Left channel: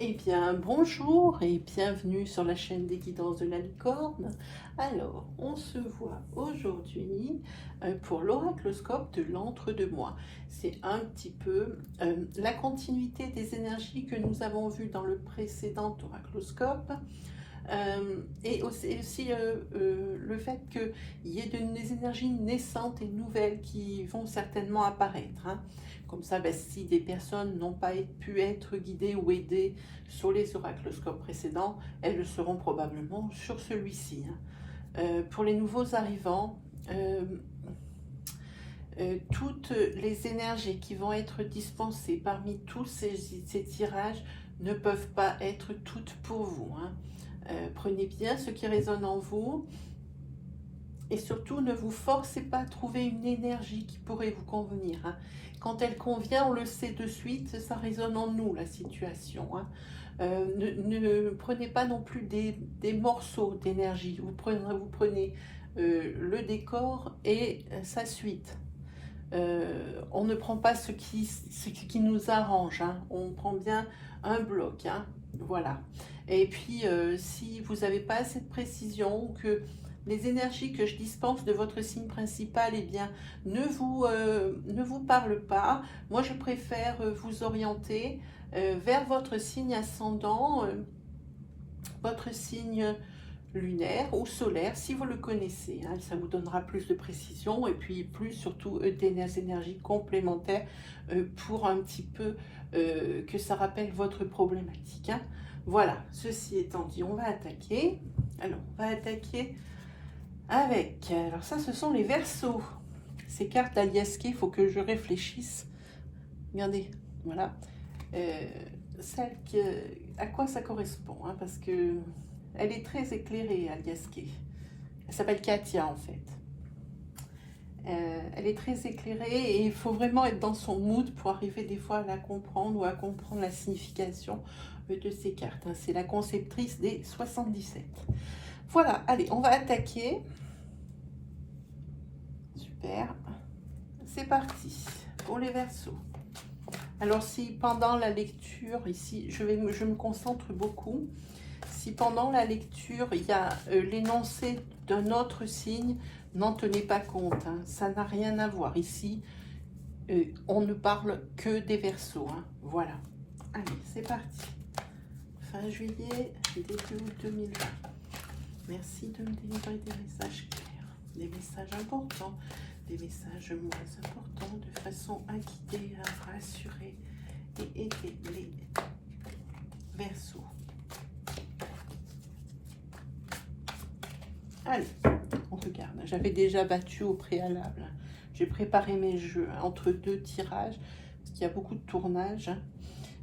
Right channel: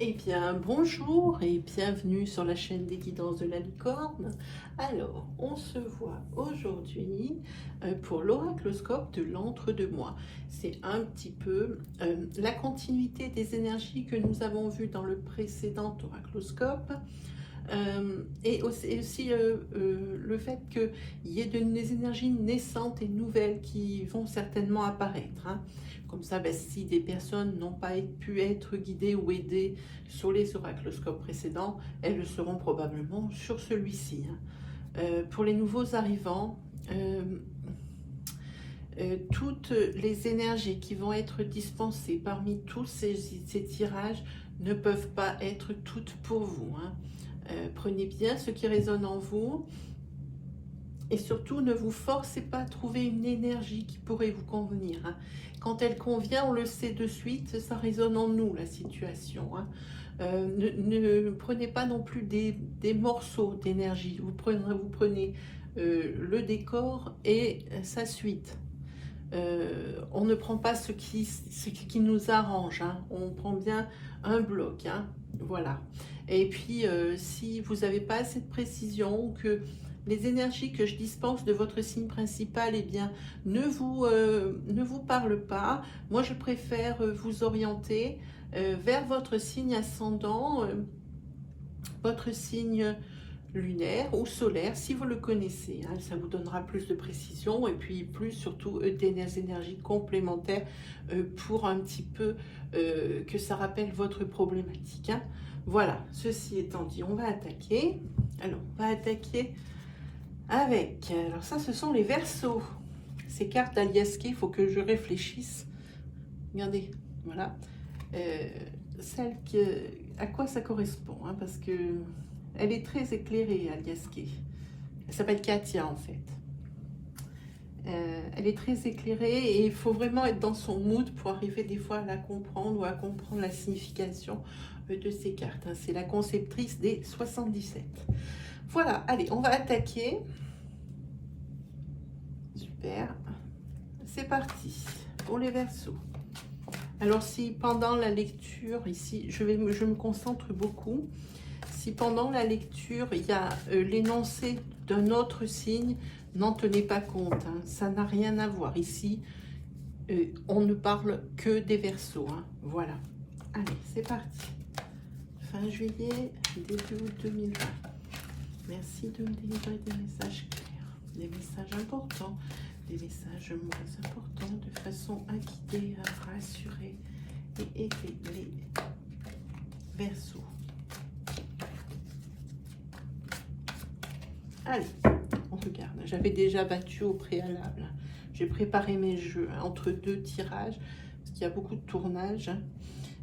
Eh bien, bonjour et bienvenue sur la chaîne des guidances de la licorne. Alors, on se voit aujourd'hui pour l'oracloscope de l'entre-deux-mois. C'est un petit peu la continuité des énergies que nous avons vues dans le précédent oracloscope. Et aussi le fait qu'il y ait des énergies naissantes et nouvelles qui vont certainement apparaître, hein. Comme ça, ben, si des personnes n'ont pas pu être guidées ou aidées sur les oracloscopes précédents, elles le seront probablement sur celui-ci, hein. Pour les nouveaux arrivants, toutes les énergies qui vont être dispensées parmi tous ces tirages ne peuvent pas être toutes pour vous, hein. Prenez bien ce qui résonne en vous et surtout ne vous forcez pas à trouver une énergie qui pourrait vous convenir, hein. Quand elle convient, on le sait de suite, ça résonne en nous la situation, hein. Ne prenez pas non plus des morceaux d'énergie, vous prenez le décor et sa suite. On ne prend pas ce qui nous arrange, hein. On prend bien un bloc, hein. Voilà. Et puis, si vous n'avez pas assez de précision, que les énergies que je dispense de votre signe principal, eh bien, ne vous parlent pas, moi je préfère vous orienter vers votre signe ascendant, votre signe lunaire ou solaire, si vous le connaissez, hein, ça vous donnera plus de précision et puis plus surtout des énergies complémentaires pour un petit peu que ça rappelle votre problématique, hein. Voilà, ceci étant dit, on va attaquer. Alors, on va attaquer avec, alors ça ce sont les Verseaux. Ces cartes aliasquées, il faut que je réfléchisse. Regardez, voilà. À quoi ça correspond, hein, parce que elle est très éclairée, Aliaske. Elle s'appelle Katia, en fait. Elle est très éclairée et il faut vraiment être dans son mood pour arriver des fois à la comprendre ou à comprendre la signification de ces cartes, hein. C'est la conceptrice des 77. Voilà, allez, on va attaquer. Super. C'est parti pour les Verseaux. Alors si pendant la lecture, ici, je me concentre beaucoup. Si pendant la lecture, il y a l'énoncé d'un autre signe, n'en tenez pas compte, hein, ça n'a rien à voir. Ici, on ne parle que des Verseaux, hein. Voilà. Allez, c'est parti. Fin juillet, début août 2020. Merci de me délivrer des messages clairs, des messages importants, des messages moins importants, de façon à guider, à rassurer et aider les Verseaux. Allez, on regarde. J'avais déjà battu au préalable. J'ai préparé mes jeux entre deux tirages, parce qu'il y a beaucoup de tournage.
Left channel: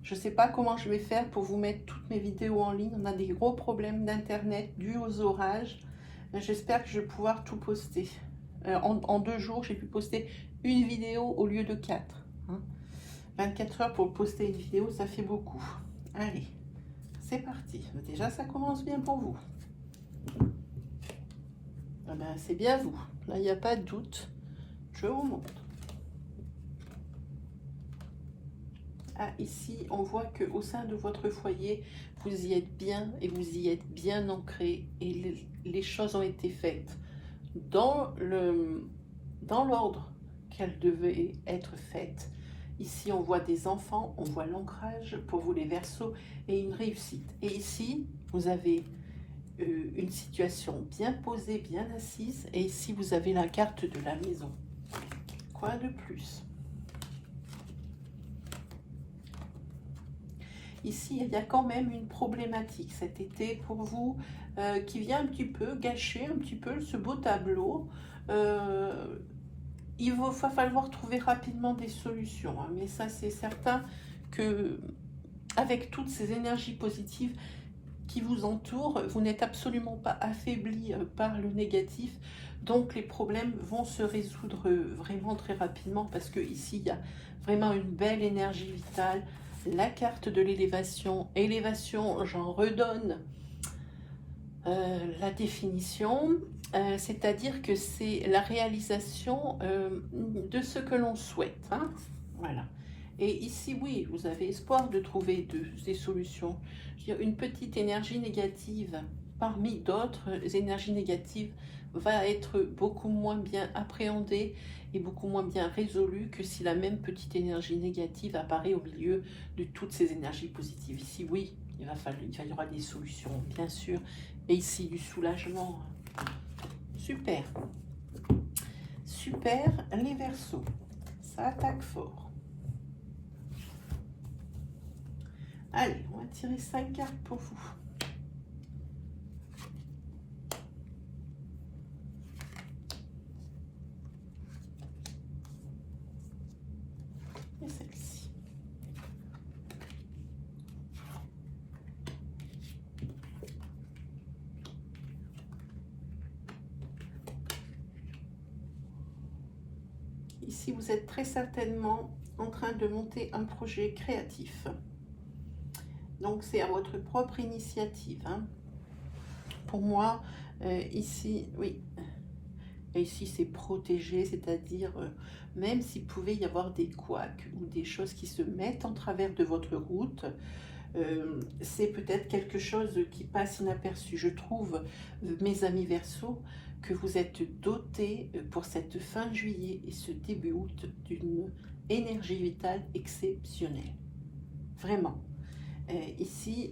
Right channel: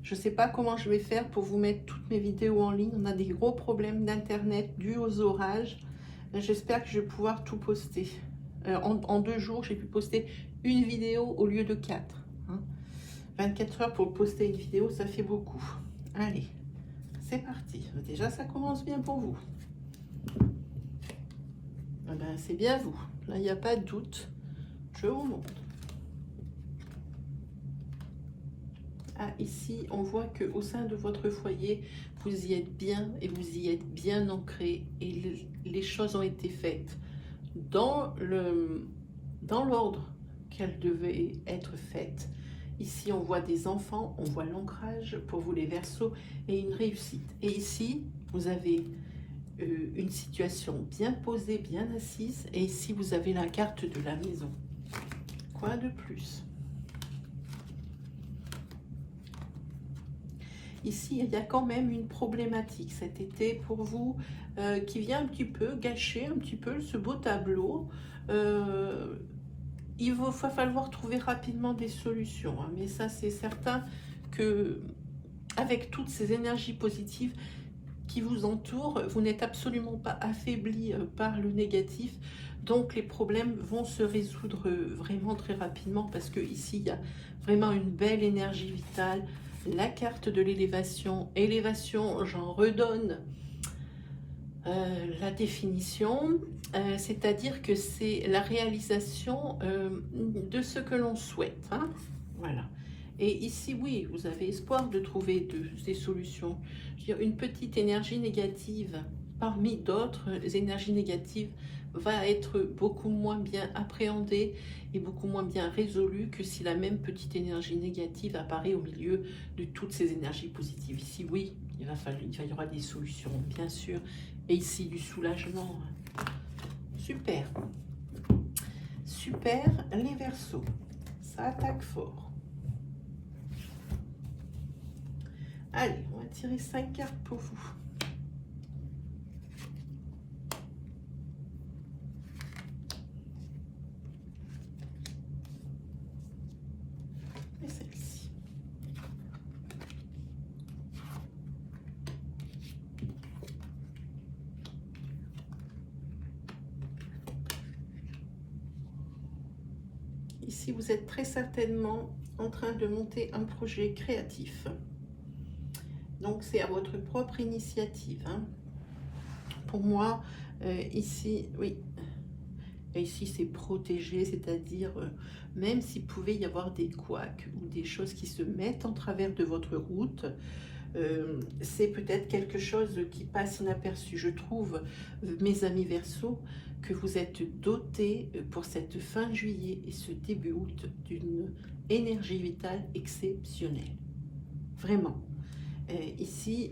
Je ne sais pas comment je vais faire pour vous mettre toutes mes vidéos en ligne. On a des gros problèmes d'internet dus aux orages. J'espère que je vais pouvoir tout poster. En 2 jours, j'ai pu poster une vidéo au lieu de 4. 24 heures pour poster une vidéo, ça fait beaucoup. Allez, c'est parti. Déjà, ça commence bien pour vous. Ah ben, c'est bien vous. Là, il n'y a pas de doute. Je vous montre. Ah, ici, on voit qu'au sein de votre foyer, vous y êtes bien et vous y êtes bien ancré et les choses ont été faites dans l'ordre qu'elles devaient être faites. Ici, on voit des enfants, on voit l'ancrage pour vous les Verseaux et une réussite. Et ici, vous avez une situation bien posée, bien assise. Et ici, vous avez la carte de la maison. Quoi de plus? Ici, il y a quand même une problématique cet été pour vous qui vient un petit peu gâcher un petit peu ce beau tableau. Il va falloir trouver rapidement des solutions, hein, mais ça c'est certain que avec toutes ces énergies positives qui vous entourent, vous n'êtes absolument pas affaibli par le négatif, donc les problèmes vont se résoudre vraiment très rapidement parce que ici il y a vraiment une belle énergie vitale. La carte de l'élévation, élévation, j'en redonne la définition, c'est-à-dire que c'est la réalisation de ce que l'on souhaite, hein. Voilà. Et ici, oui, vous avez espoir de trouver des solutions. Je veux dire, une petite énergie négative parmi d'autres énergies négatives va être beaucoup moins bien appréhendée et beaucoup moins bien résolue que si la même petite énergie négative apparaît au milieu de toutes ces énergies positives. Ici, oui, il y aura des solutions, bien sûr. Et ici, du soulagement. Super. Super, les Verseaux. Ça attaque fort. Allez, on va tirer 5 cartes pour vous. Et celle-ci. Ici, vous êtes très certainement en train de monter un projet créatif. Donc, c'est à votre propre initiative. Hein. Pour moi, ici, oui. Et ici, c'est protégé, c'est-à-dire, même s'il pouvait y avoir des couacs ou des choses qui se mettent en travers de votre route, c'est peut-être quelque chose qui passe inaperçu. Je trouve, mes amis Verseaux, que vous êtes dotés pour cette fin juillet et ce début août d'une énergie vitale exceptionnelle. Vraiment. Ici,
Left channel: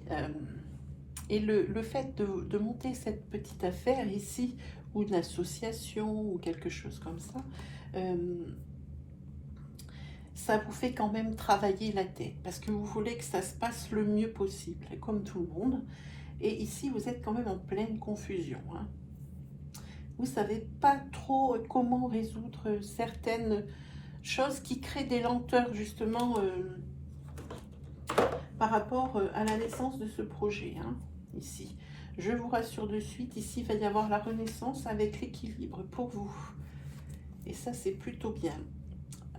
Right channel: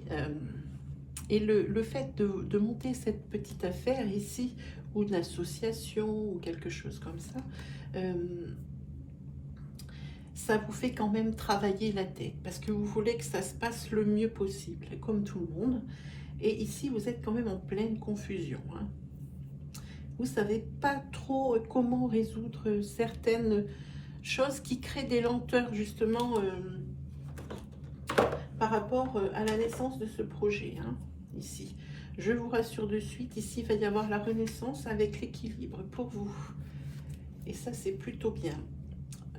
et le fait de monter cette petite affaire ici, ou une association, ou quelque chose comme ça, ça vous fait quand même travailler la tête, parce que vous voulez que ça se passe le mieux possible, comme tout le monde. Et ici, vous êtes quand même en pleine confusion. Hein. Vous ne savez pas trop comment résoudre certaines choses qui créent des lenteurs, justement, par rapport à la naissance de ce projet. Hein, ici, je vous rassure de suite, ici, il va y avoir la renaissance avec l'équilibre pour vous. Et ça, c'est plutôt bien.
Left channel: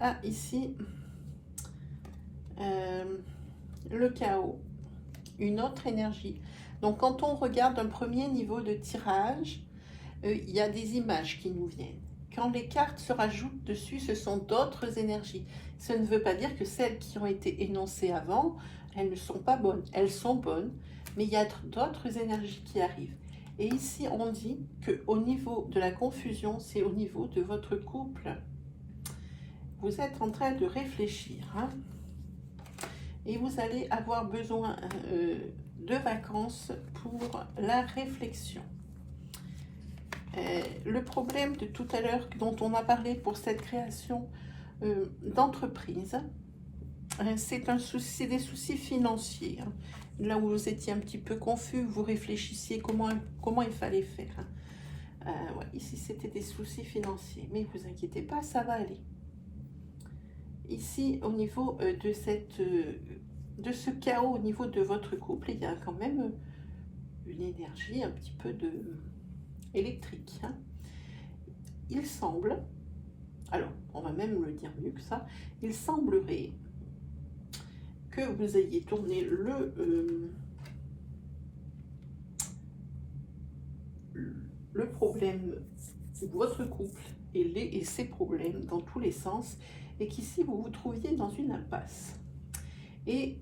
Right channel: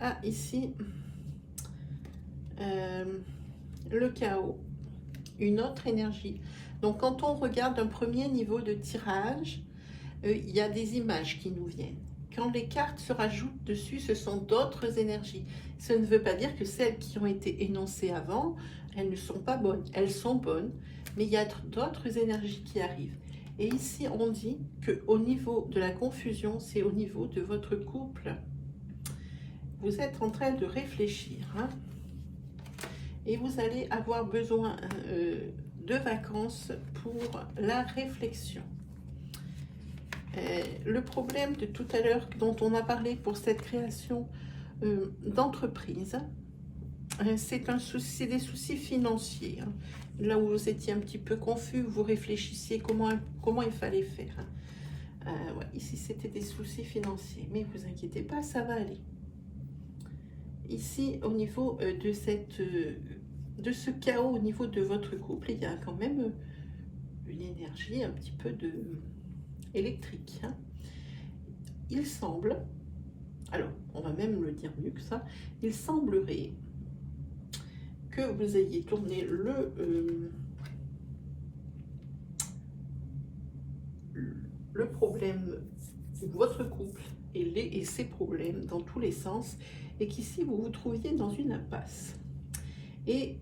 Ah, ici, le chaos, une autre énergie. Donc, quand on regarde un premier niveau de tirage, il y a des images qui nous viennent. Quand les cartes se rajoutent dessus, ce sont d'autres énergies. Ça ne veut pas dire que celles qui ont été énoncées avant, elles ne sont pas bonnes. Elles sont bonnes, mais il y a d'autres énergies qui arrivent. Et ici, on dit qu'au niveau de la confusion, c'est au niveau de votre couple. Vous êtes en train de réfléchir. Hein, et vous allez avoir besoin de vacances pour la réflexion. Le problème de tout à l'heure dont on a parlé pour cette création d'entreprise, c'est des soucis financiers. Hein. Là où vous étiez un petit peu confus, vous réfléchissiez comment il fallait faire. Ouais, ici, c'était des soucis financiers. Mais vous inquiétez pas, ça va aller. Ici, au niveau de ce chaos au niveau de votre couple, il y a quand même une énergie un petit peu électrique. Hein. Il semble, alors on va même le dire mieux que ça, il semblerait que vous ayez tourné le problème, votre couple et ses problèmes dans tous les sens, et qu'ici vous vous trouviez dans une impasse. Et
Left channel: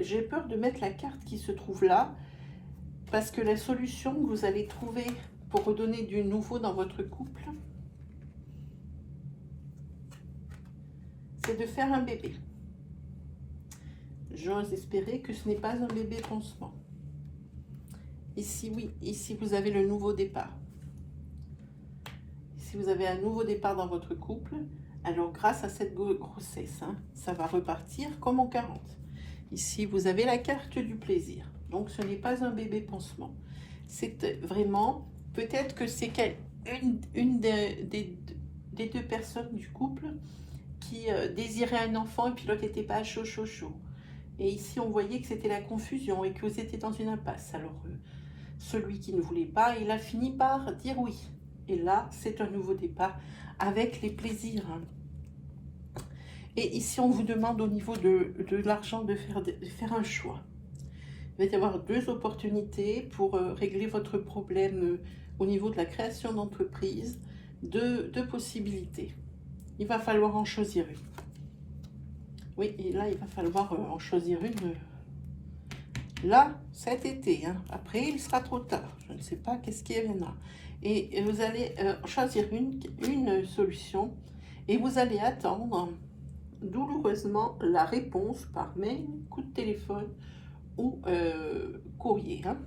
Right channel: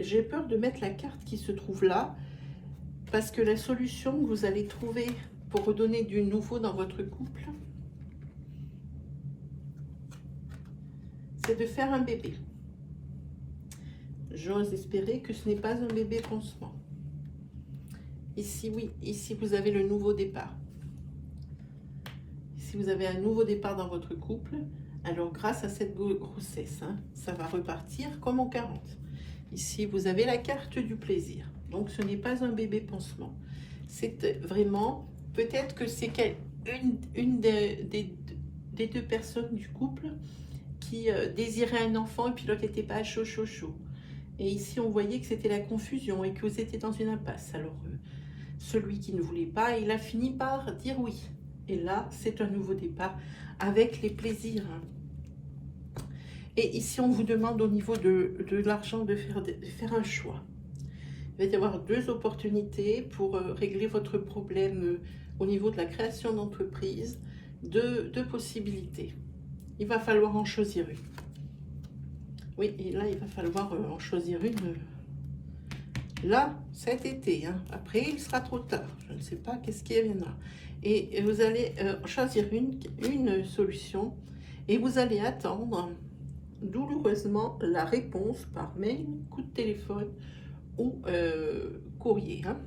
j'ai peur de mettre la carte qui se trouve là, parce que la solution que vous allez trouver pour redonner du nouveau dans votre couple, c'est de faire un bébé. J'ose espérer que ce n'est pas un bébé pansement. Ici, oui, ici vous avez le nouveau départ. Si vous avez un nouveau départ dans votre couple, alors grâce à cette grossesse, hein, ça va repartir comme en 40. Ici, vous avez la carte du plaisir. Donc, ce n'est pas un bébé pansement. C'est vraiment, peut-être que c'est une des deux personnes du couple qui désirait un enfant et puis l'autre n'était pas chaud. Et ici, on voyait que c'était la confusion et que vous étiez dans une impasse. Alors, celui qui ne voulait pas, il a fini par dire oui. Et là, c'est un nouveau départ avec les plaisirs. Et ici, on vous demande au niveau de l'argent de faire un choix. Il va y avoir deux opportunités pour régler votre problème au niveau de la création d'entreprise, deux possibilités. Il va falloir en choisir une. Oui, et là, il va falloir en choisir une. Là, cet été. Hein. Après, il sera trop tard. Je ne sais pas qu'est-ce qui viendra. Et vous allez choisir une solution et vous allez attendre douloureusement la réponse par mail, coup de téléphone ou courrier. Hein.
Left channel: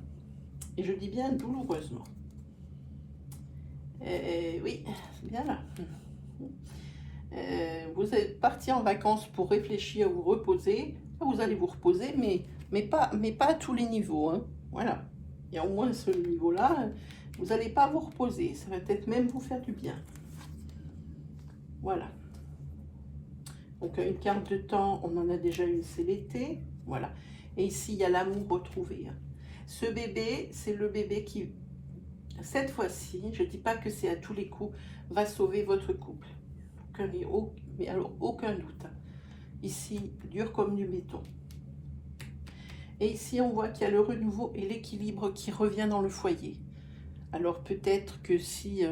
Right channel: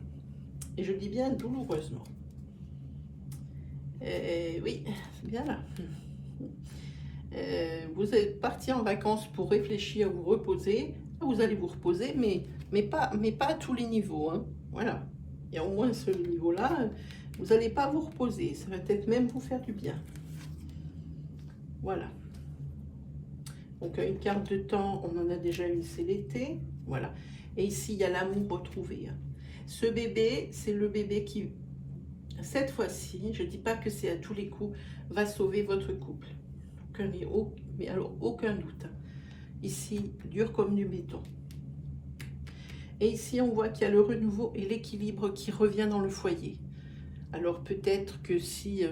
Et je dis bien douloureusement. Oui, bien là. Vous allez partir en vacances pour réfléchir, vous reposer. Vous allez vous reposer, mais pas à tous les niveaux. Hein. Voilà. Il y a au moins ce niveau-là. Vous n'allez pas vous reposer. Ça va peut-être même vous faire du bien. Voilà. Donc, une carte de temps, on en a déjà une, c'est l'été. Voilà. Et ici, il y a l'amour retrouvé. Hein. Ce bébé, c'est le bébé qui, cette fois-ci, je ne dis pas que c'est à tous les coups, va sauver votre couple. Mais alors, aucun doute. Ici, dur comme du béton. Et ici, on voit qu'il y a le renouveau et l'équilibre qui revient dans le foyer. Alors, peut-être que si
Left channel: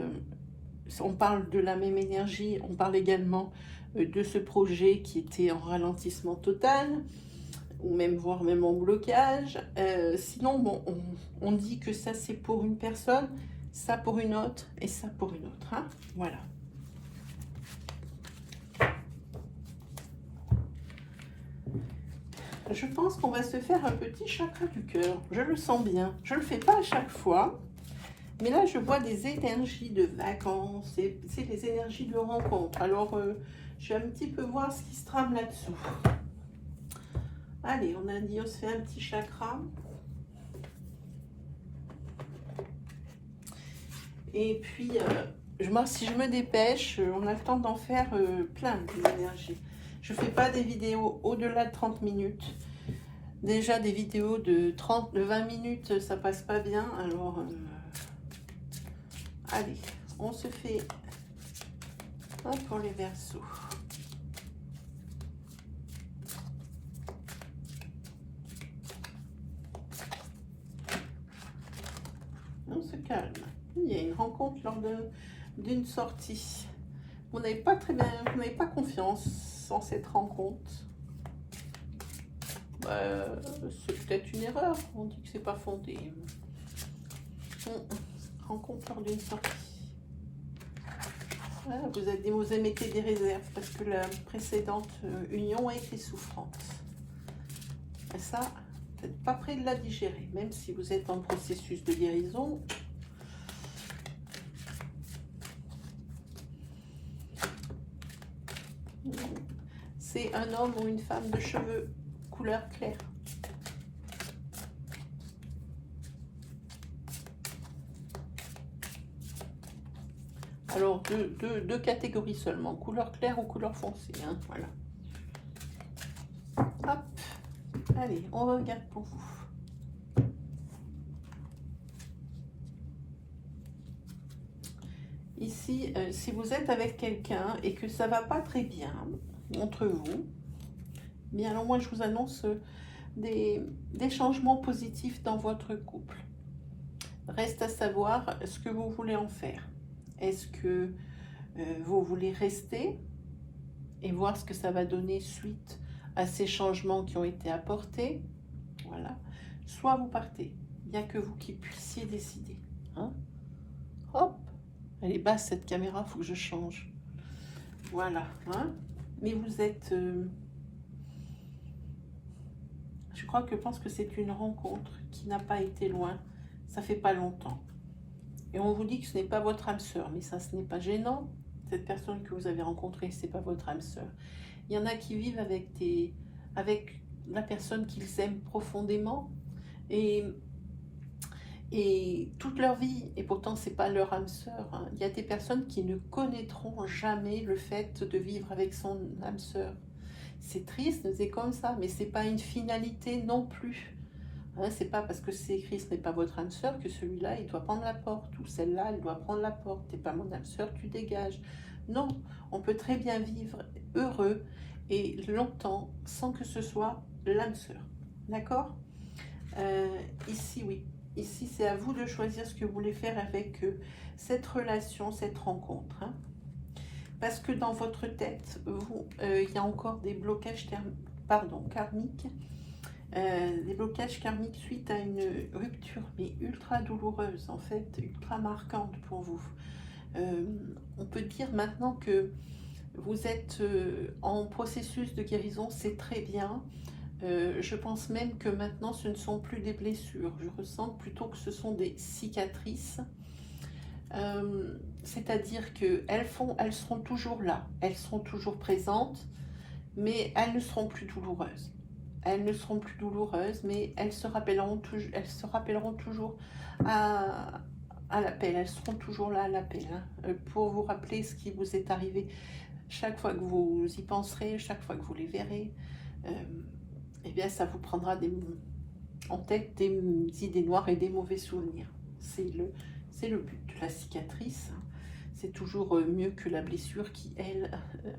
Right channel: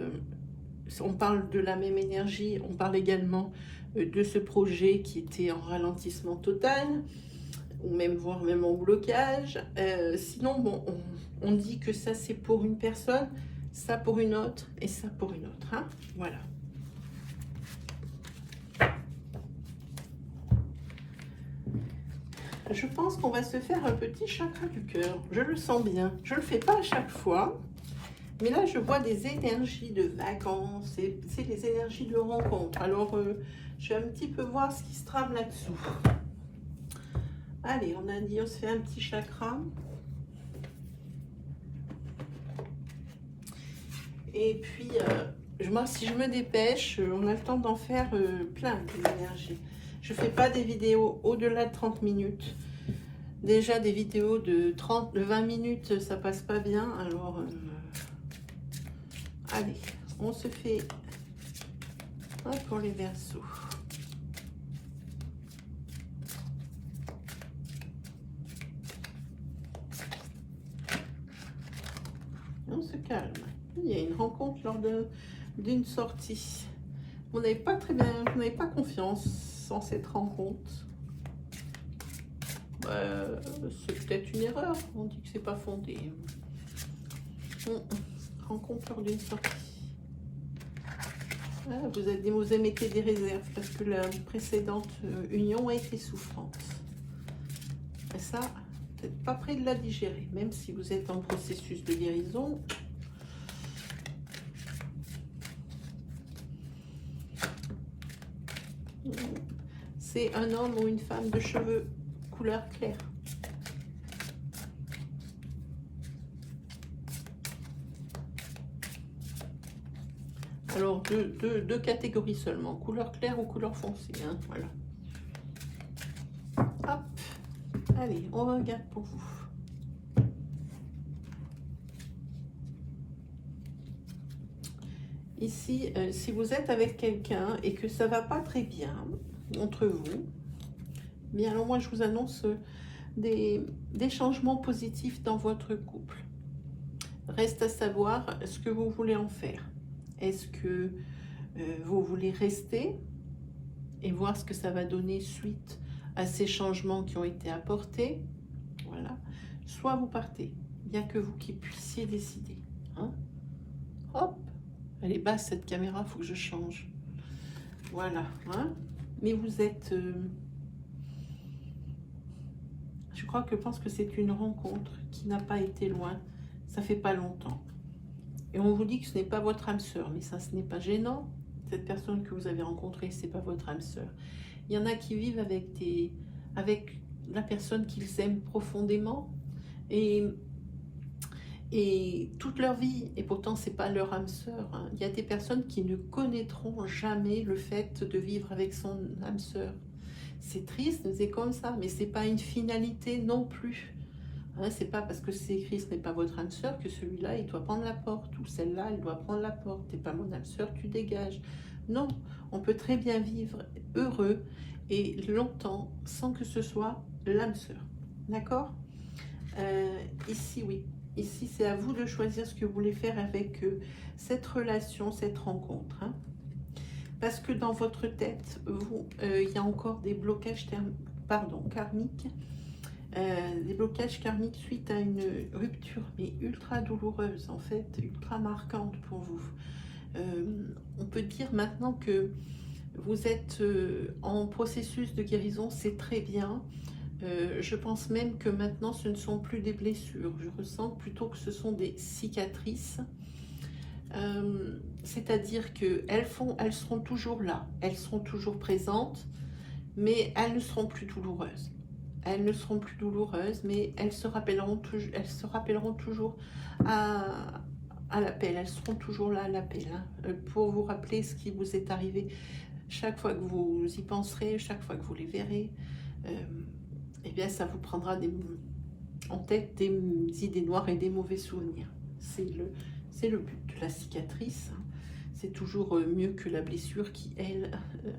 on parle de la même énergie, on parle également de ce projet qui était en ralentissement total, ou même voire même en blocage. Sinon, bon, on dit que ça, c'est pour une personne, ça pour une autre, et ça pour une autre. Hein. Voilà. Je pense qu'on va se faire un petit chakra du cœur. Je le sens bien. Je ne le fais pas à chaque fois. Mais là, je vois des énergies de vacances. C'est des énergies de rencontre. Alors, je vais un petit peu voir ce qui se trame là-dessous. Allez, on a dit, on se fait un petit chakra. Et puis, si je me dépêche, on a le temps d'en faire plein d'énergie. Je ne fais pas des vidéos au-delà de 30 minutes. Déjà, des vidéos de 20 minutes, ça passe pas bien. Alors, allez, on se fait un pour les Verseaux. On se calme. Il y a une rencontre lors d'une sortie. Vous n'avez pas très bien, vous n'avez pas confiance en cette rencontre. C'est peut-être une erreur. On dit que c'est pas fondé. Rencontre lors d'une sortie. Ah, vous émettez des réserves parce que la précédente union a été souffrante. Et ça, peut-être pas prêt de la digérer, même si vous êtes en processus de guérison. C'est un homme ou une femme de cheveux couleur claire. Alors, deux catégories seulement, couleur claire ou couleur foncée. Hein, voilà. Hop, allez, on regarde pour vous. Ici, si vous êtes avec quelqu'un et que ça ne va pas très bien entre vous, bien alors moi je vous annonce des changements positifs dans votre couple. Reste à savoir ce que vous voulez en faire. Est-ce que vous voulez rester et voir ce que ça va donner suite à ces changements qui ont été apportés? Voilà. Soit vous partez. Il n'y a que vous qui puissiez décider. Hein? Hop! Elle est basse cette caméra, il faut que je change. Voilà. Hein? Mais vous êtes... je pense que c'est une rencontre qui n'a pas été loin. Ça fait pas longtemps. Et on vous dit que ce n'est pas votre âme sœur. Mais ça, ce n'est pas gênant. Cette personne que vous avez rencontrée, ce n'est pas votre âme sœur. Il y en a qui vivent avec la personne qu'ils aiment profondément. Et toute leur vie, et pourtant c'est pas leur âme sœur. Hein. Il y a des personnes qui ne connaîtront jamais le fait de vivre avec son âme sœur. C'est triste, c'est comme ça, mais c'est pas une finalité non plus. Hein, c'est pas parce que c'est écrit ce n'est pas votre âme sœur que celui-là il doit prendre la porte, ou celle-là elle doit prendre la porte. T'es pas mon âme sœur, tu dégages. Non, on peut très bien vivre heureux et longtemps sans que ce soit l'âme sœur. D'accord? Ici, oui. Ici, c'est à vous de choisir ce que vous voulez faire avec cette relation, cette rencontre. Hein. parce que dans votre tête, il y a encore des blocages karmiques, des blocages karmiques suite à une rupture, mais ultra douloureuse en fait, ultra marquante pour vous. On peut dire maintenant que vous êtes en processus de guérison, c'est très bien. Je pense même que maintenant ce ne sont plus des blessures, je ressens plutôt que ce sont des cicatrices. C'est-à-dire qu'elles seront toujours là, elles seront toujours présentes, mais elles ne seront plus douloureuses. Elles ne seront plus douloureuses, mais elles se rappelleront toujours à l'appel. Elles seront toujours là à l'appel, hein, pour vous rappeler ce qui vous est arrivé. Chaque fois que vous y penserez, chaque fois que vous les verrez, eh bien, ça vous prendra en tête des idées noires et des mauvais souvenirs. C'est le but. La cicatrice, hein, c'est toujours mieux que la blessure qui, elle,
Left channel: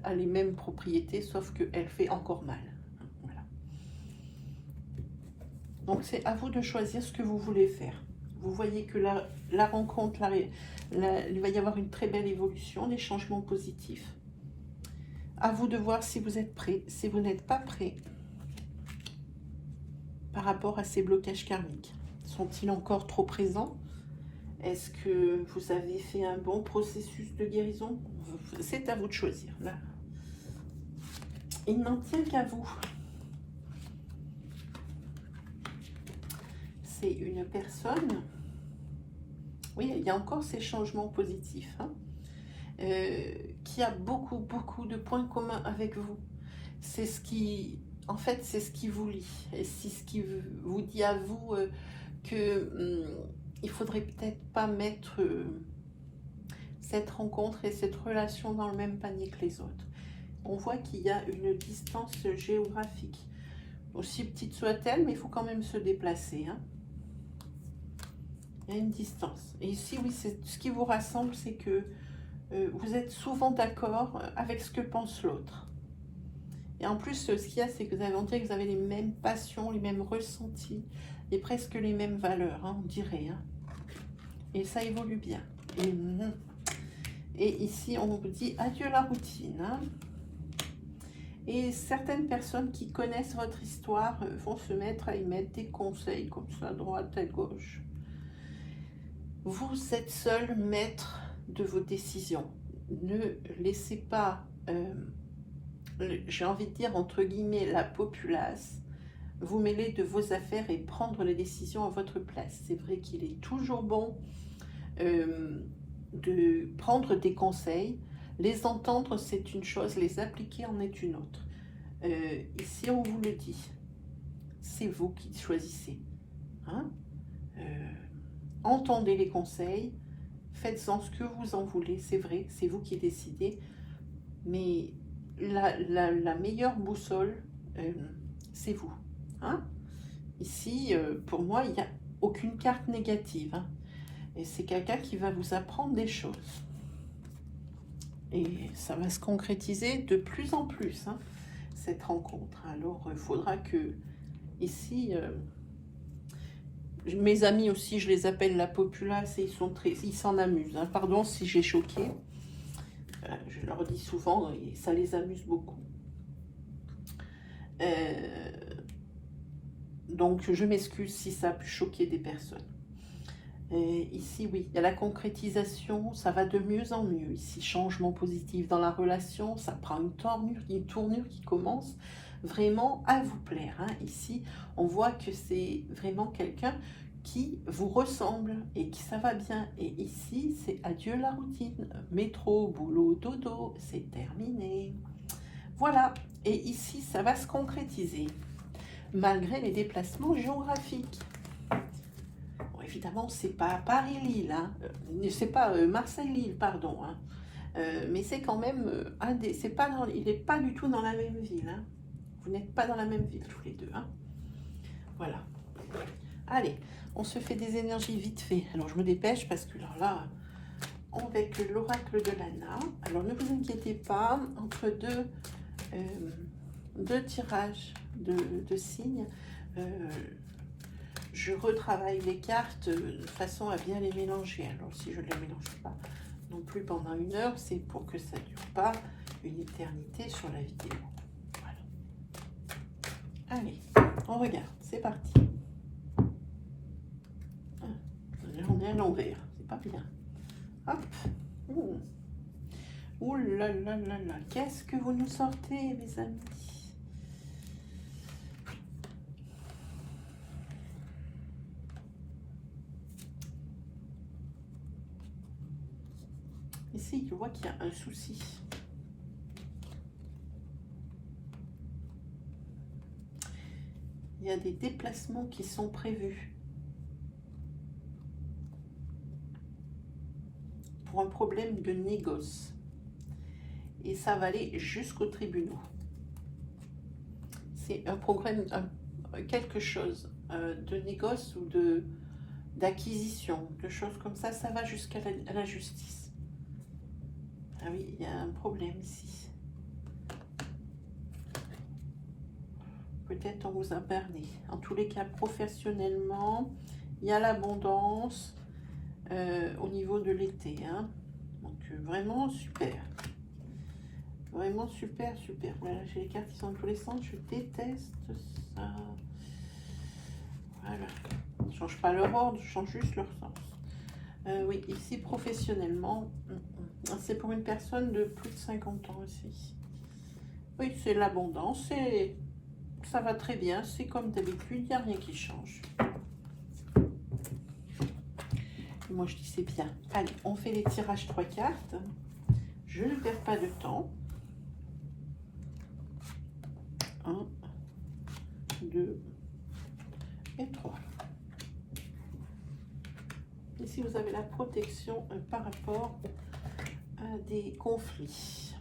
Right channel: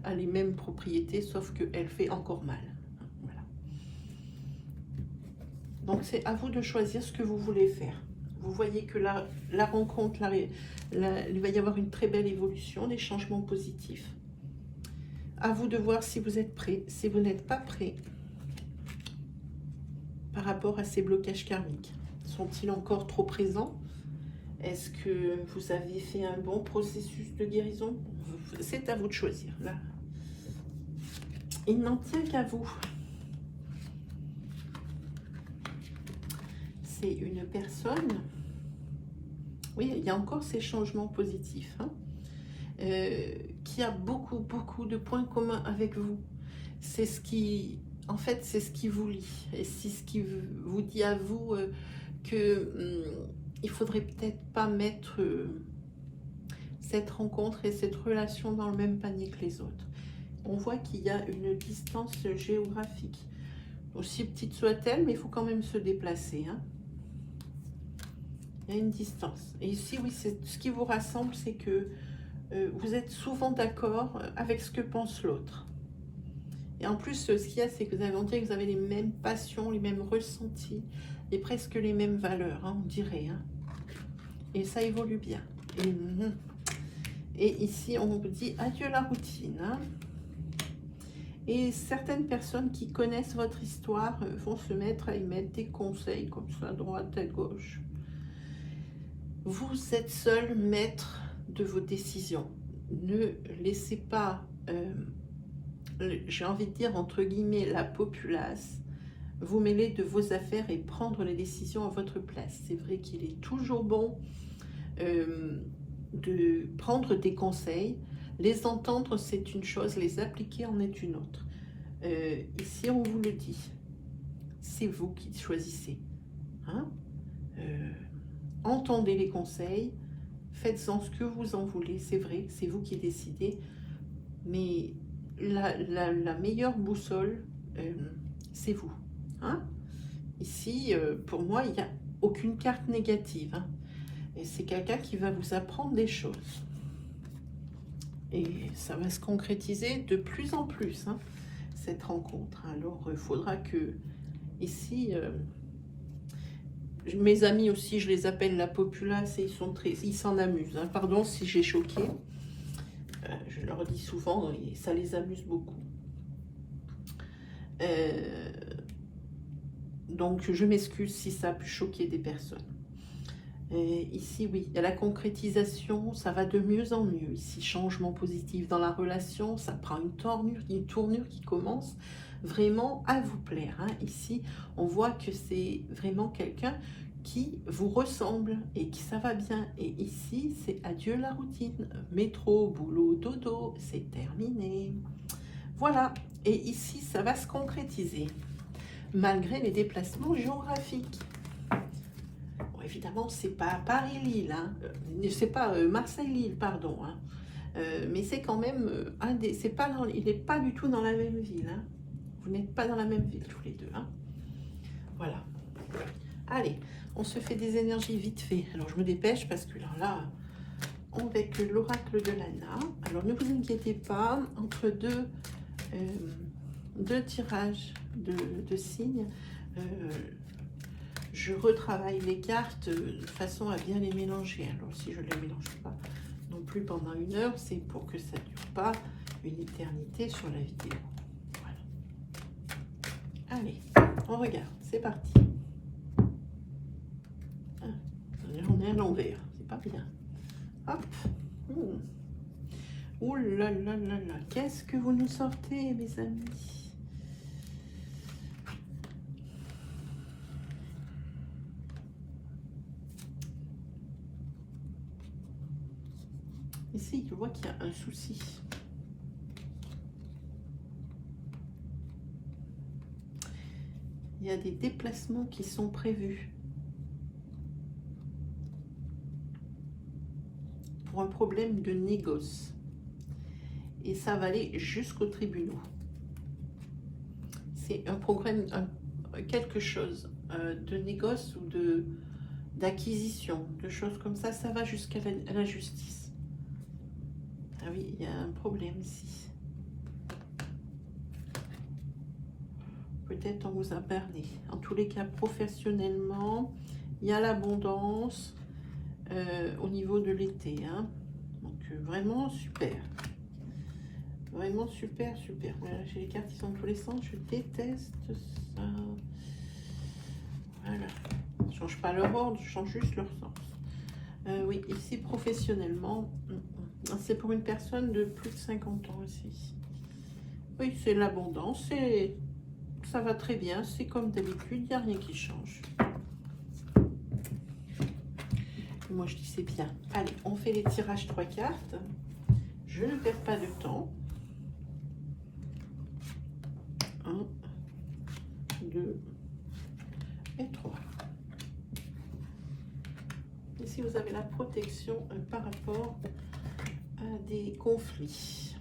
a les mêmes propriétés, sauf qu'elle fait encore mal. Voilà. Donc, c'est à vous de choisir ce que vous voulez faire. Vous voyez que la rencontre, il va y avoir une très belle évolution, des changements positifs. À vous de voir si vous êtes prêt. Si vous n'êtes pas prêt par rapport à ces blocages karmiques, sont-ils encore trop présents? Est-ce que vous avez fait un bon processus de guérison? C'est à vous de choisir. Là, il n'en tient qu'à vous. C'est une personne. Oui, il y a encore ces changements positifs, hein, qui a beaucoup de points communs avec vous. C'est ce qui, en fait, c'est ce qui vous lie. Et c'est ce qui vous dit à vous que il faudrait peut-être pas mettre cette rencontre et cette relation dans le même panier que les autres. On voit qu'il y a une distance géographique, aussi petite soit-elle, mais il faut quand même se déplacer, hein. Il y a une distance. Et ici, oui, ce qui vous rassemble, c'est que vous êtes souvent d'accord avec ce que pense l'autre. Et en plus, ce qu'il y a, c'est que vous avez les mêmes passions, les mêmes ressentis, et presque les mêmes valeurs, hein, on dirait, hein. Et ça évolue bien. Et ici, on vous dit adieu la routine, hein. Et certaines personnes qui connaissent votre histoire vont se mettre à émettre des conseils comme ça, à droite, à gauche. Vous êtes seul maître de vos décisions. Ne laissez pas, j'ai envie de dire entre guillemets, la populace vous mêler de vos affaires et prendre les décisions à votre place. C'est vrai qu'il est toujours bon de prendre des conseils. Les entendre, c'est une chose, les appliquer en est une autre. Ici, on vous le dit, c'est vous qui choisissez, hein. Entendez les conseils, faites-en ce que vous en voulez, c'est vrai, c'est vous qui décidez, mais la meilleure boussole, c'est vous, hein. Ici, pour moi, il n'y a aucune carte négative, hein. Et c'est quelqu'un qui va vous apprendre des choses. Et ça va se concrétiser de plus en plus, hein, cette rencontre. Alors, il faudra que, ici, mes amis aussi, je les appelle la populace et ils s'en amusent, hein. Pardon si j'ai choqué. Je leur dis souvent et ça les amuse beaucoup. Donc, je m'excuse si ça a pu choquer des personnes. Ici, oui, il y a la concrétisation, ça va de mieux en mieux. Ici, changement positif dans la relation, ça prend une tournure qui commence vraiment à vous plaire, hein. Ici, on voit que c'est vraiment quelqu'un qui vous ressemble et qui ça va bien. Et ici, c'est adieu la routine. Métro, boulot, dodo, c'est terminé. Voilà. Et ici, ça va se concrétiser malgré les déplacements géographiques. Bon, évidemment, c'est pas Paris-Lille, hein. C'est pas Marseille-Lille, pardon, hein. Mais c'est quand même il n'est pas du tout dans la même ville, hein. Vous n'êtes pas dans la même ville tous les deux, hein. Voilà. Allez, on se fait des énergies vite fait. Alors, je me dépêche parce que là, avec l'oracle de Lana, alors ne vous inquiétez pas, entre deux tirages de signes, je retravaille les cartes de façon à bien les mélanger. Alors, si je ne les mélange pas non plus plus pendant 1 heure, c'est pour que ça ne dure pas une éternité sur la vidéo. Voilà. Allez, on regarde, c'est parti. On est à l'envers, c'est pas bien. Hop. Ouh là là là là, qu'est-ce que vous nous sortez, mes amis? Ici, je vois qu'il y a un souci. Il y a des déplacements qui sont prévus pour un problème de négoce. Et ça va aller jusqu'aux tribunaux. C'est un programme, quelque chose de négoce ou d'acquisition, de choses comme ça, ça va jusqu'à la justice. Ah oui, il y a un problème ici. Peut-être on vous a berné. En tous les cas, professionnellement, il y a l'abondance au niveau de l'été. Hein. Donc, vraiment super. Vraiment super, super. Là, j'ai les cartes qui sont dans tous les sens. Je déteste ça. Voilà. Je ne change pas leur ordre, je change juste leur sens. Oui, ici, professionnellement, c'est pour une personne de plus de 50 ans aussi. Oui, c'est l'abondance. Ça va très bien. C'est comme d'habitude, il n'y a rien qui change. Moi, je dis c'est bien. Allez, on fait les tirages 3 cartes. Je ne perds pas de temps. 1, 2 et 3. Ici, vous avez la protection par rapport à des conflits.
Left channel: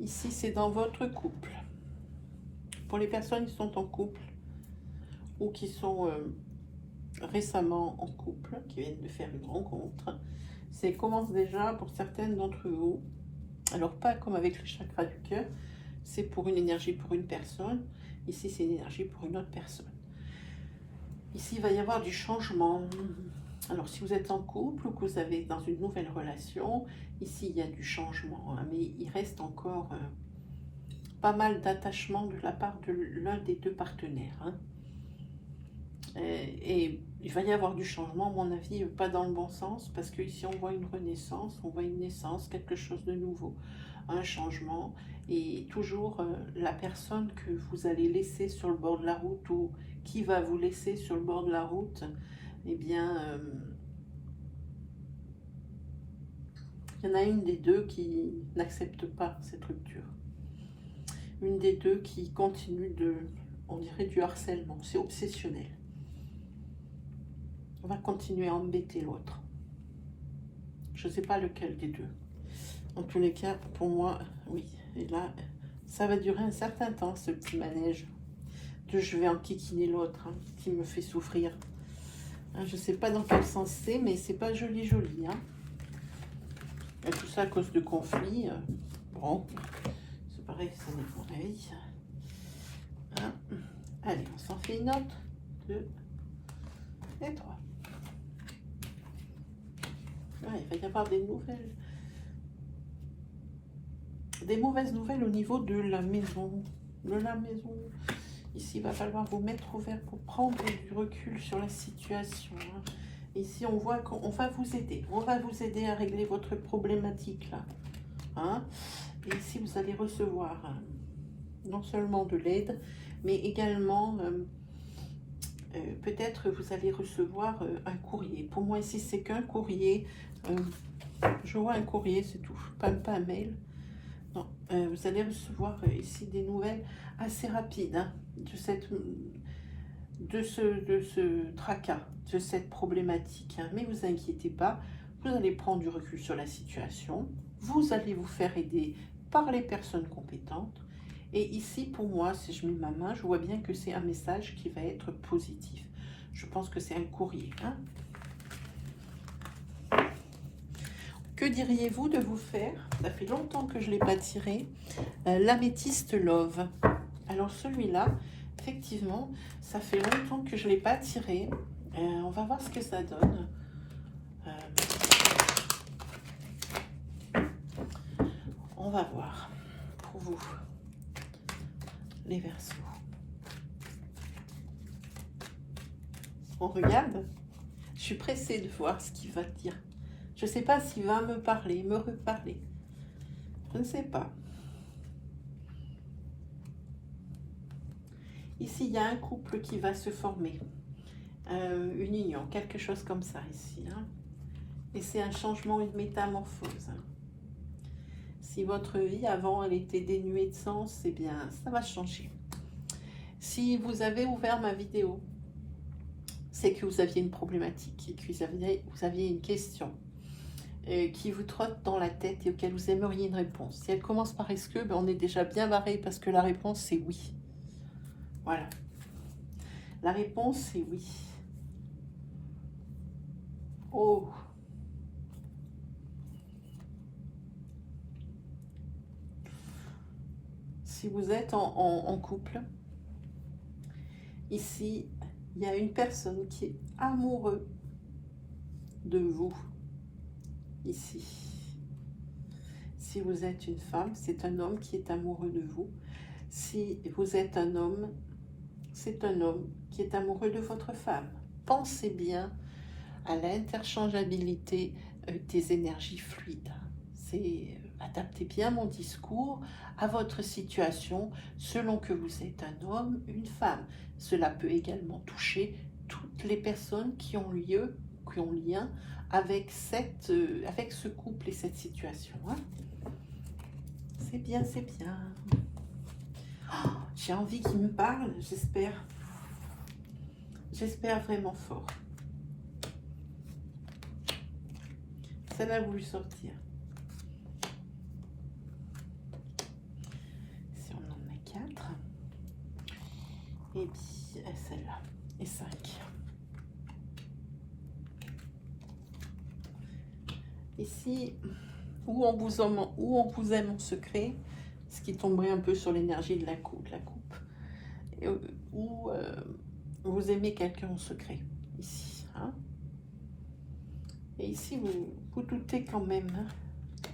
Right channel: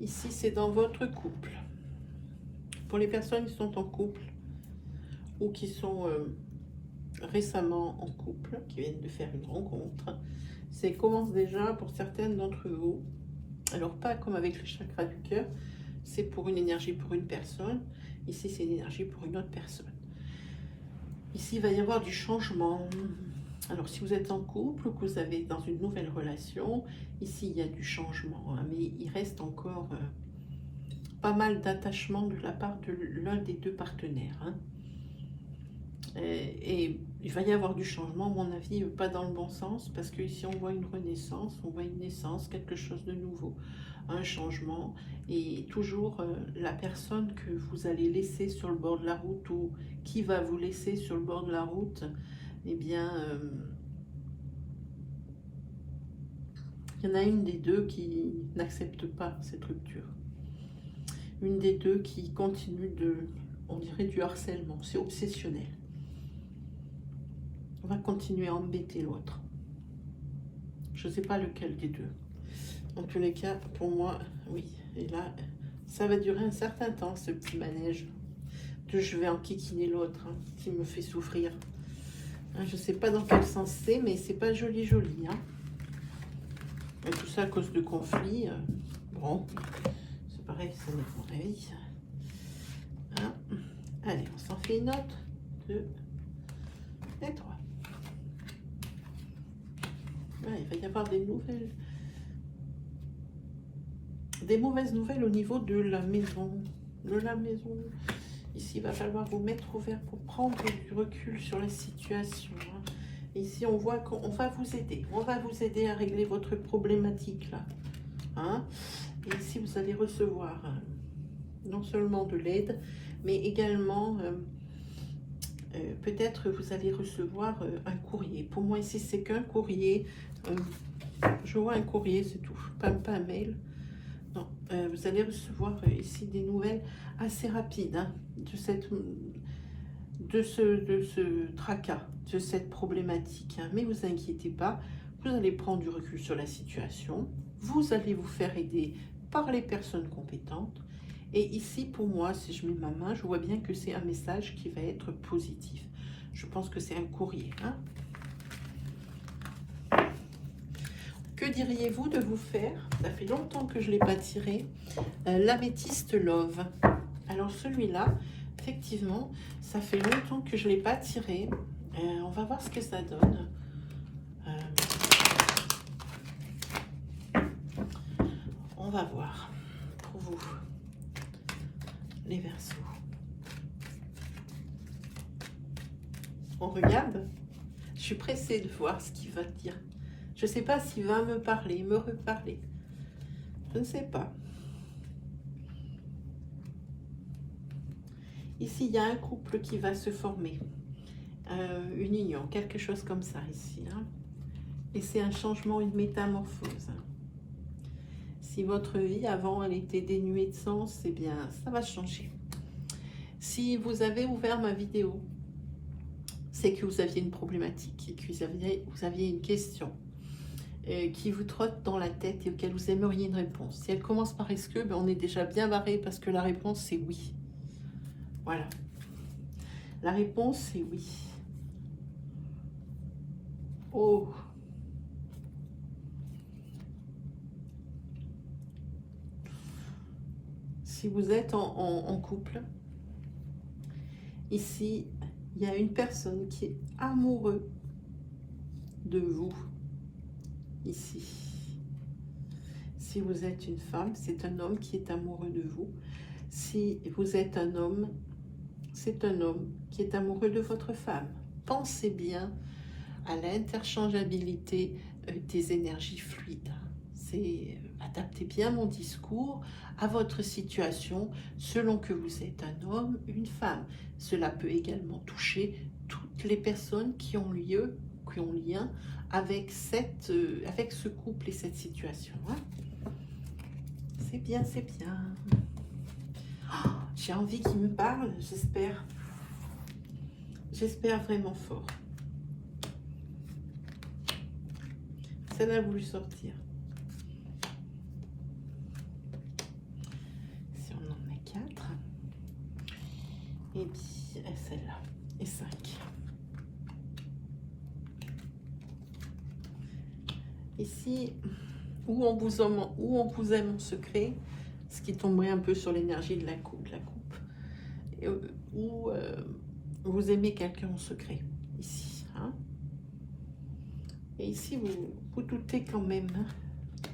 Ici, c'est dans votre couple. Pour les personnes qui sont en couple ou qui sont récemment en couple, qui viennent de faire une rencontre, ça commence déjà pour certaines d'entre vous. Alors, pas comme avec le chakra du cœur, c'est pour une énergie pour une personne. Ici, c'est une énergie pour une autre personne. Ici, il va y avoir du changement. Alors, si vous êtes en couple ou que vous avez dans une nouvelle relation, ici, il y a du changement. Hein, mais il reste encore pas mal d'attachement de la part de l'un des deux partenaires. Hein. Et il va y avoir du changement, à mon avis, pas dans le bon sens, parce que ici, on voit une renaissance, on voit une naissance, quelque chose de nouveau, un changement. Et toujours la personne que vous allez laisser sur le bord de la route ou qui va vous laisser sur le bord de la route, eh bien, il y en a une des deux qui n'accepte pas cette rupture. Une des deux qui continue on dirait du harcèlement, c'est obsessionnel. On va continuer à embêter l'autre. Je ne sais pas lequel des deux. En tous les cas, pour moi, oui. Et là, ça va durer un certain temps, ce petit manège. Je vais enquiquiner l'autre, hein, qui me fait souffrir. Hein, je ne sais pas dans quel sens c'est, mais c'est pas joli, joli. Hein. Et tout ça à cause de conflits. Bon, c'est pareil, ça n'est pas avis. Hein. Allez, on s'en fait une autre. 2 et 3. Ouais, il va y avoir des nouvelles. Des mauvaises nouvelles au niveau de la maison. Ici, il va falloir vous mettre au vert pour prendre du recul sur la situation. Hein. Ici, on voit qu'on va vous aider. On va vous aider à régler votre problématique là. Hein. Et ici, vous allez recevoir non seulement de l'aide, mais également peut-être vous allez recevoir un courrier. Pour moi, ici, c'est qu'un courrier. Je vois un courrier, c'est tout. Pas un mail. Non, vous allez recevoir ici des nouvelles assez rapides hein, de ce tracas, de cette problématique. Hein. Mais vous inquiétez pas, vous allez prendre du recul sur la situation. Vous allez vous faire aider par les personnes compétentes. Et ici, pour moi, si je mets ma main, je vois bien que c'est un message qui va être positif. Je pense que c'est un courrier. Hein. que diriez-vous de vous faire, ça fait longtemps que je ne l'ai pas tiré, l'améthyste Love. Alors celui-là, effectivement, ça fait longtemps que je ne l'ai pas tiré. On va voir ce que ça donne. On va voir pour vous, les Verseaux. On regarde. Je suis pressée de voir ce qu'il va dire. Je ne sais pas s'il va me parler, me reparler. Je ne sais pas. Ici, il y a un couple qui va se former. Une union, quelque chose comme ça ici. Hein. Et c'est un changement, une métamorphose. Hein. Si votre vie avant, elle était dénuée de sens, eh bien, ça va changer. Si vous avez ouvert ma vidéo, c'est que vous aviez une problématique et que vous aviez une question qui vous trotte dans la tête et auquel vous aimeriez une réponse. Si elle commence par est-ce que, ben on est déjà bien barré parce que la réponse c'est oui. Voilà. La réponse c'est oui. Oh. Si vous êtes en couple, ici, il y a une personne qui est amoureux de vous. Ici. Si vous êtes une femme, c'est un homme qui est amoureux de vous. Si vous êtes un homme, c'est un homme qui est amoureux de votre femme. Pensez bien à l'interchangeabilité des énergies fluides. Adaptez bien mon discours à votre situation selon que vous êtes un homme, une femme. Cela peut également toucher toutes les personnes qui ont lien avec ce couple et cette situation. Hein. C'est bien, c'est bien. Oh, j'ai envie qu'il me parle, j'espère. J'espère vraiment fort. Celle-là a voulu sortir. Si on en a 4. Et puis celle-là. Et 5. Ici, où on vous aime en secret, ce qui tomberait un peu sur l'énergie de la coupe. Où vous aimez quelqu'un en secret. Ici. Hein. Et ici, vous doutez quand même hein,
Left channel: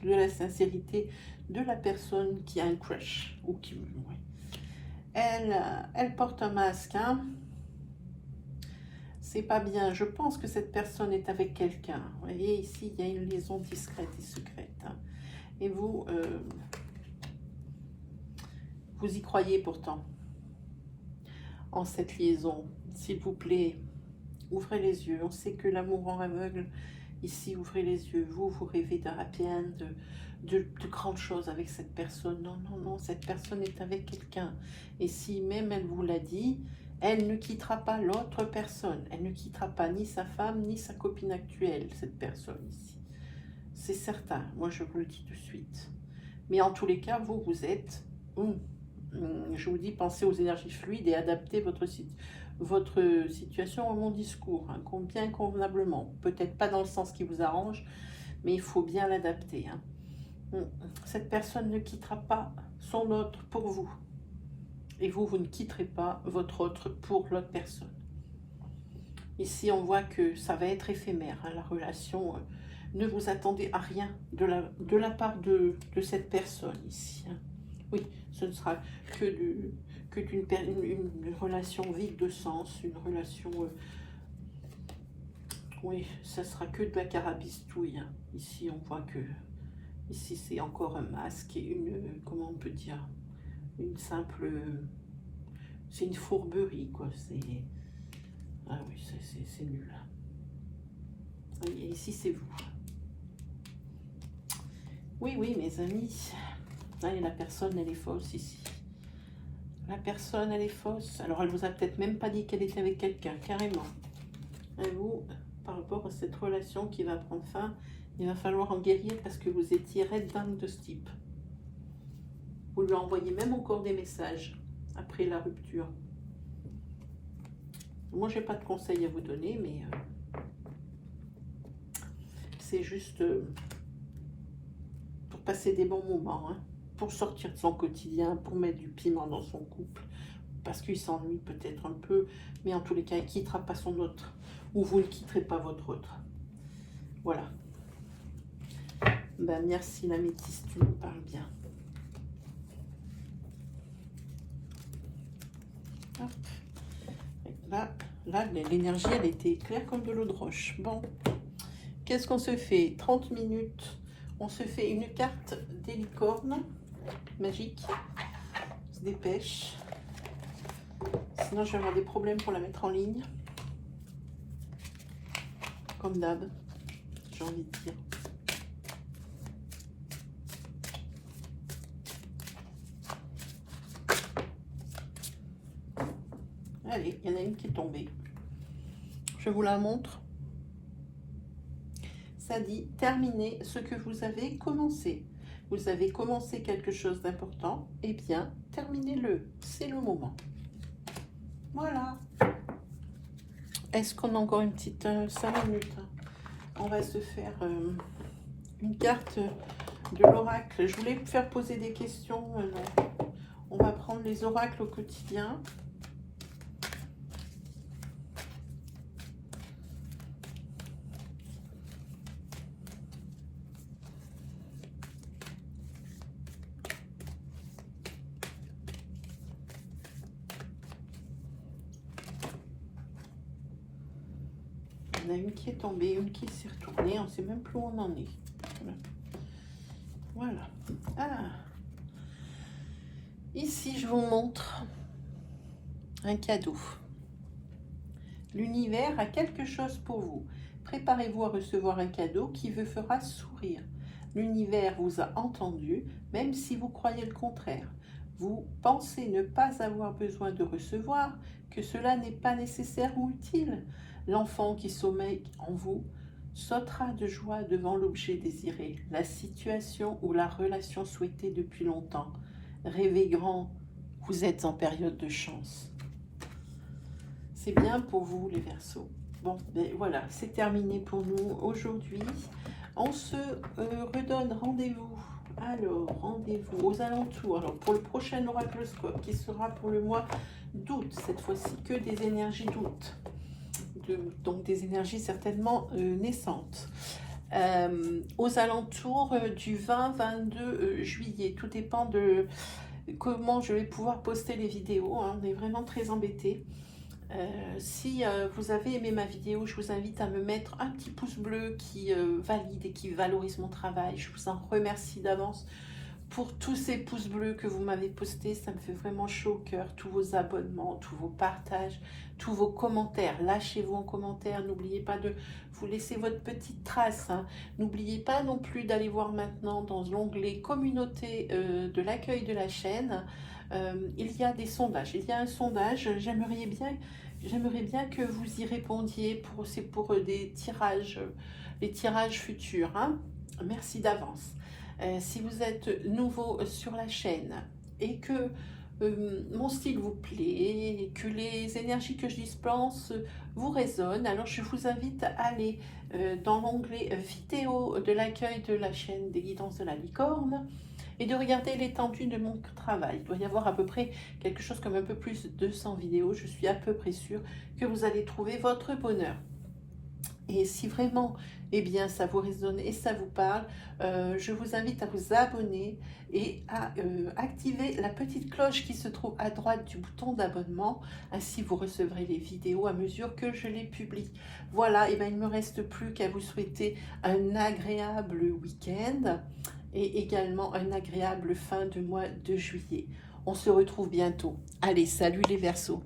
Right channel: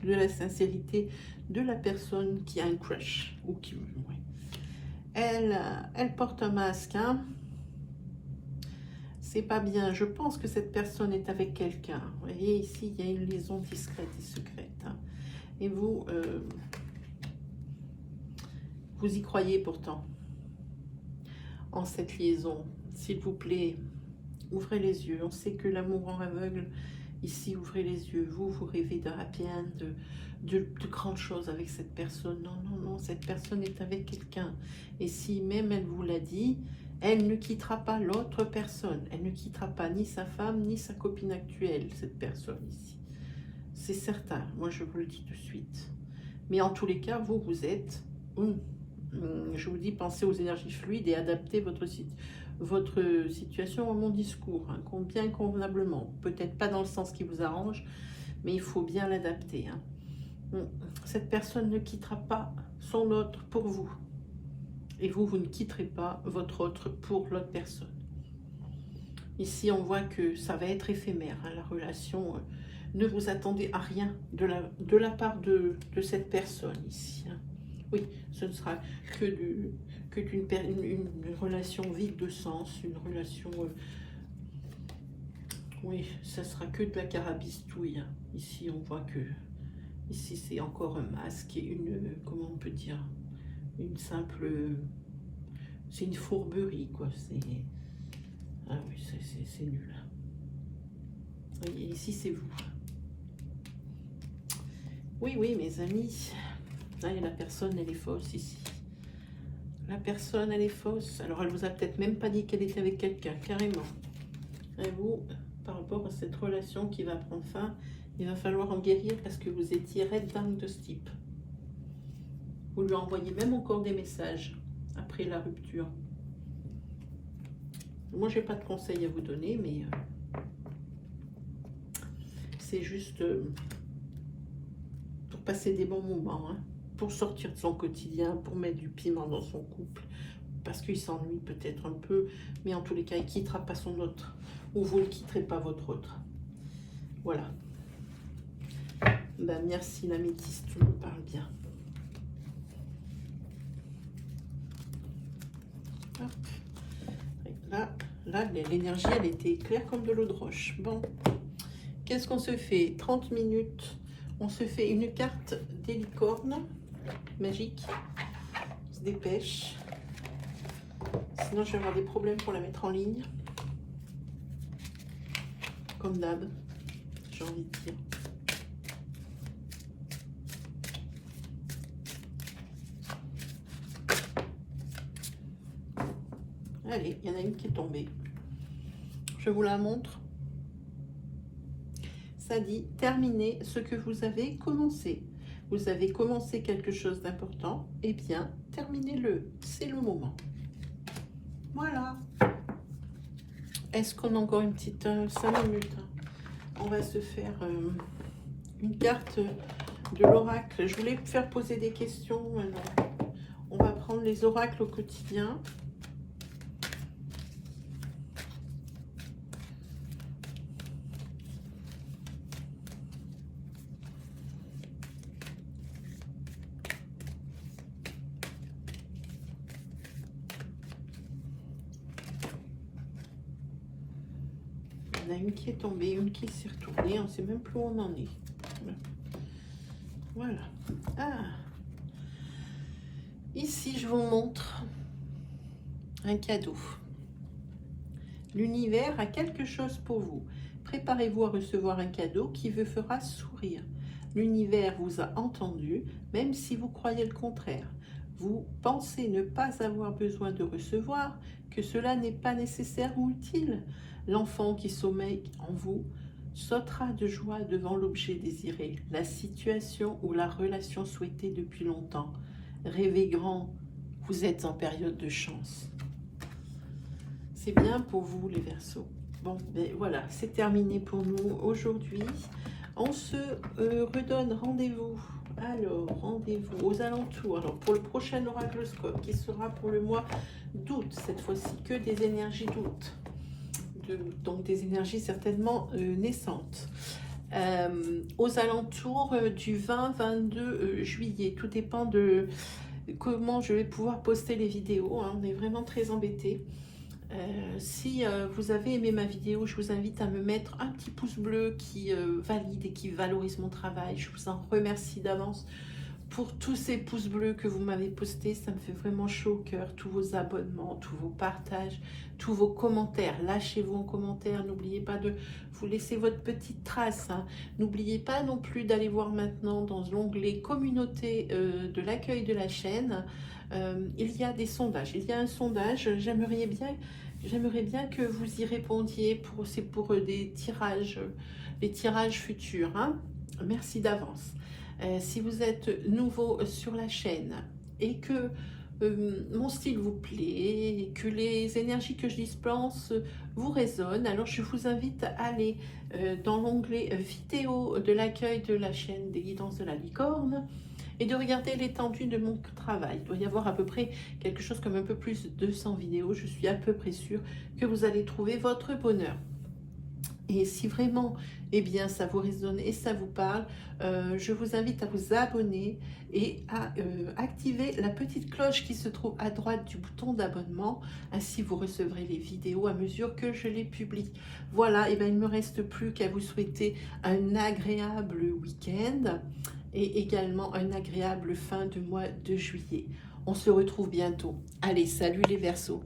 de la sincérité de la personne qui a un crush. Ou qui, ouais. Elle porte un masque. Hein. C'est pas bien. Je pense que cette personne est avec quelqu'un. Vous voyez, ici, il y a une liaison discrète et secrète. Hein. Et vous y croyez pourtant en cette liaison. S'il vous plaît, ouvrez les yeux. On sait que l'amour rend aveugle. Ici, ouvrez les yeux. Vous rêvez d'un happy end, de grandes choses avec cette personne. Non, non, non, cette personne est avec quelqu'un. Et si même elle vous l'a dit, elle ne quittera pas l'autre personne. Elle ne quittera pas ni sa femme, ni sa copine actuelle, cette personne ici. C'est certain, moi je vous le dis tout de suite. Mais en tous les cas, vous êtes... je vous dis, pensez aux énergies fluides et adaptez votre situation à mon discours, hein, bien convenablement. Peut-être pas dans le sens qui vous arrange, mais il faut bien l'adapter. Hein. Cette personne ne quittera pas son autre pour vous. Et vous ne quitterez pas votre autre pour l'autre personne. Ici, on voit que ça va être éphémère, hein, la relation. Ne vous attendez à rien de la part de cette personne ici. Hein. Oui, ce ne sera une relation vide de sens, une relation... oui, ça sera que de la carabistouille. Hein. Ici, on voit que... Ici, c'est encore un masque et comment on peut dire, une simple... c'est une fourberie, quoi. Ah oui, c'est nul. Et ici, c'est vous. Oui, oui, mes amis. Allez, la personne, elle est fausse ici. La personne, elle est fausse. Alors, elle vous a peut-être même pas dit qu'elle était avec quelqu'un, carrément. Et vous, par rapport à cette relation qui va prendre fin, il va falloir en guérir parce que vous étiez red dingue de ce type. Vous lui envoyez même encore des messages après la rupture. Moi, je n'ai pas de conseils à vous donner, mais c'est juste pour passer des bons moments, hein, pour sortir de son quotidien, pour mettre du piment dans son couple, parce qu'il s'ennuie peut-être un peu, mais en tous les cas, il ne quittera pas son autre, ou vous ne quitterez pas votre autre. Voilà. Ben, merci l'améthyste, tu me parles bien. Hop. Là l'énergie, elle était claire comme de l'eau de roche. Bon, qu'est-ce qu'on se fait? 30 minutes. On se fait une carte des licornes magique. On se dépêche. Sinon, je vais avoir des problèmes pour la mettre en ligne. Comme d'hab, j'ai envie de dire. Allez, il y en a une qui est tombée. Je vous la montre. Ça dit « Terminez ce que vous avez commencé ». Vous avez commencé quelque chose d'important, eh bien, terminez-le. C'est le moment. Voilà. Est-ce qu'on a encore une petite 5 minutes? On va se faire une carte de l'oracle. Je voulais me faire poser des questions. On va prendre les oracles au quotidien. Il y en a une qui est tombée, une qui s'est retournée. On ne sait même plus où on en est. Voilà. Ah. Ici, je vous montre un cadeau. L'univers a quelque chose pour vous. Préparez-vous à recevoir un cadeau qui vous fera sourire. L'univers vous a entendu, même si vous croyez le contraire. Vous pensez ne pas avoir besoin de recevoir, que cela n'est pas nécessaire ou utile. L'enfant qui sommeille en vous sautera de joie devant l'objet désiré, la situation ou la relation souhaitée depuis longtemps. Rêvez grand, vous êtes en période de chance. C'est bien pour vous les Verseaux. Bon, ben voilà, c'est terminé pour nous aujourd'hui. On se redonne rendez-vous. Alors, rendez-vous aux alentours. Alors, pour le prochain oracloscope qui sera pour le mois d'août, cette fois-ci que des énergies d'août. Donc des énergies certainement naissantes. Aux alentours du 20-22 juillet. Tout dépend de comment je vais pouvoir poster les vidéos. Hein. On est vraiment très embêtés. Si vous avez aimé ma vidéo, je vous invite à me mettre un petit pouce bleu qui valide et qui valorise mon travail. Je vous en remercie d'avance pour tous ces pouces bleus que vous m'avez postés. Ça me fait vraiment chaud au cœur. Tous vos abonnements, tous vos partages, tous vos commentaires. Lâchez-vous en commentaire. N'oubliez pas de vous laisser votre petite trace. Hein. N'oubliez pas non plus d'aller voir maintenant dans l'onglet communauté de l'accueil de la chaîne. Il y a des sondages. Il y a un sondage. J'aimerais bien que vous y répondiez. C'est pour des tirages, les tirages futurs. Hein. Merci d'avance. Si vous êtes nouveau sur la chaîne et que mon style vous plaît et que les énergies que je dispense vous résonnent, alors je vous invite à aller dans l'onglet vidéo de l'accueil de la chaîne des guidances de la licorne et de regarder l'étendue de mon travail. Il doit y avoir à peu près quelque chose comme un peu plus de 200 vidéos. Je suis à peu près sûre que vous allez trouver votre bonheur. Et si vraiment, eh bien, ça vous résonne et ça vous parle, je vous invite à vous abonner et à activer la petite cloche qui se trouve à droite du bouton d'abonnement. Ainsi, vous recevrez les vidéos à mesure que je les publie. Voilà, et bien, il ne me reste plus qu'à vous souhaiter un agréable week-end et également un agréable fin de mois de juillet. On se retrouve bientôt. Allez, salut les Verseaux.